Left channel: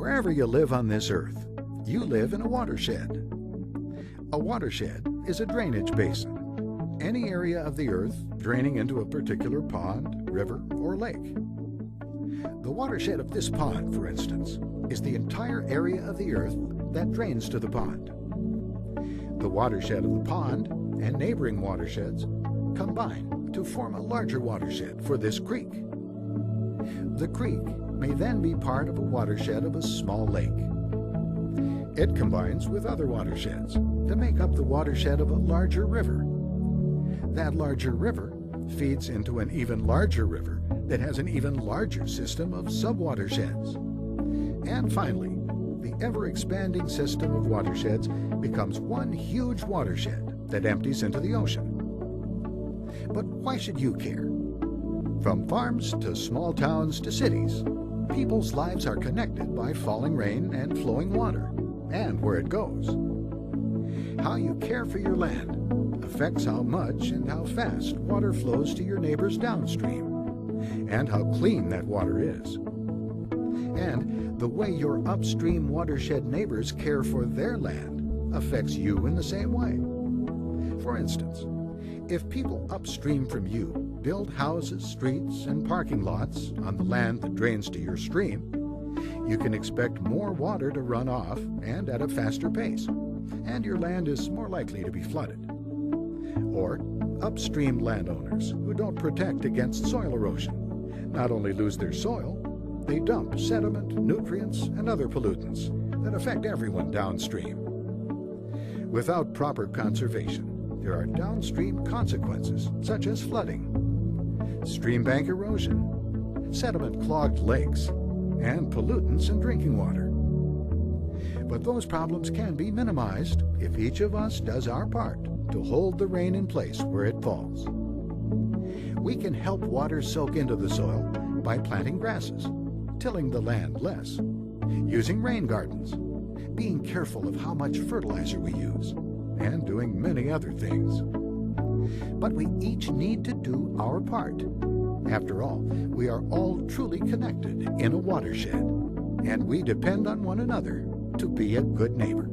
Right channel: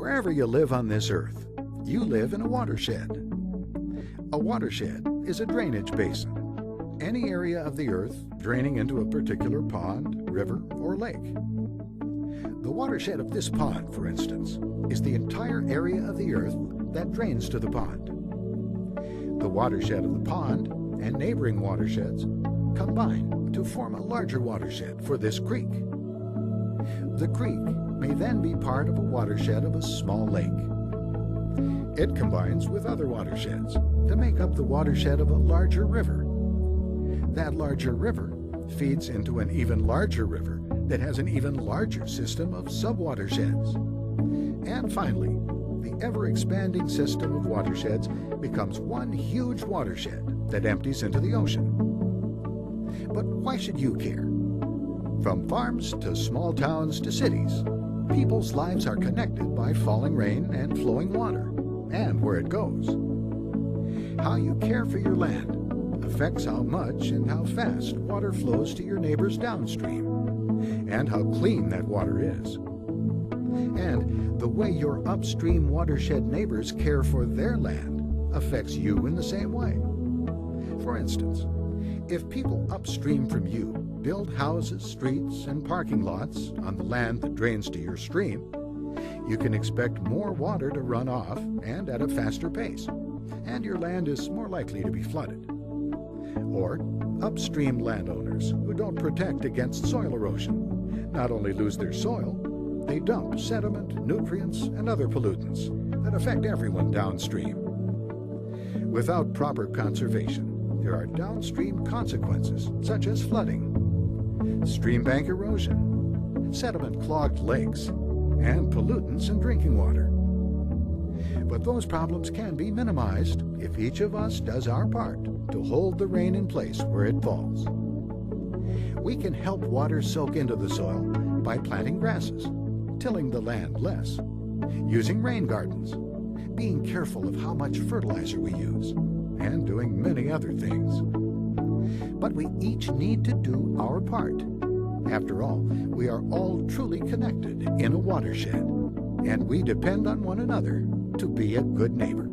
Wherever you live on this earth, you live in a watershed. A watershed is a drainage basin, any area of the earth draining into a particular pond, river, or lake. The watershed of this pond, for instance, is the entire area of the earth that drains to the pond. The watershed of the pond and neighboring watersheds combine to form a larger watershed for this creek. The creek may then be part of a watershed of a small lake. It combines with other watersheds to make up the watershed of a larger river. That larger river feeds into an even larger river that has an even larger system of sub-watersheds. And finally, the ever-expanding system of watersheds becomes one huge watershed that empties into the ocean. But why should you care? From farms to small towns to cities, people's lives are connected by falling rain and flowing water, and where it goes. How you care for your land affects how much and how fast water flows to your neighbors downstream, and how clean that water is. And the way your upstream watershed neighbors care for their land affects you in the same way. For instance, if people upstream from you build houses, streets, and parking lots on the land that drains to your stream, you can expect more water to run off and at a faster pace, and your land is more likely to be flooded. Or upstream landowners who don't protect against soil erosion not only lose their soil, they dump sediment, nutrients, and other pollutants that affect everyone downstream. Without proper conservation, there are downstream consequences such as flooding, stream bank erosion, sediment-clogged lakes, and pollutants in drinking water. But those problems can be minimized if each of us does our part to hold the rain in place where it falls. We can help water soak into the soil by planting grasses, tilling the land less, using rain gardens, being careful of how much fertilizer we use, and doing many other things. But we each need to do our part. After all, we are all truly connected in a watershed, and we depend on one another to be a good neighbor.